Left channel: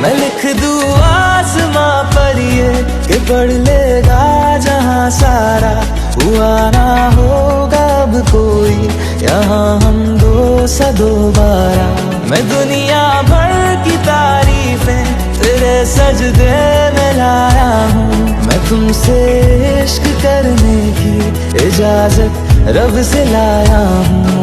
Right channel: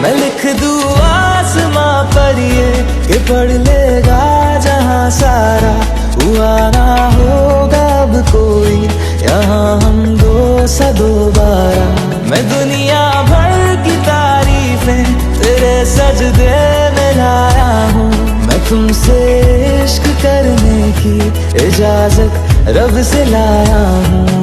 मैं लिख दूँ आसमां पर ये कि पढ़ लेगा जहां सारा, हुआ ना होगा अब कोई यहाँ हम दो सा दोबारा। मैं दुनिया भर की तारीफें तेरे सजदे में लाया हूँ, मैं तुमसे इश्क करने की इजाजत रब से लाया हूँ।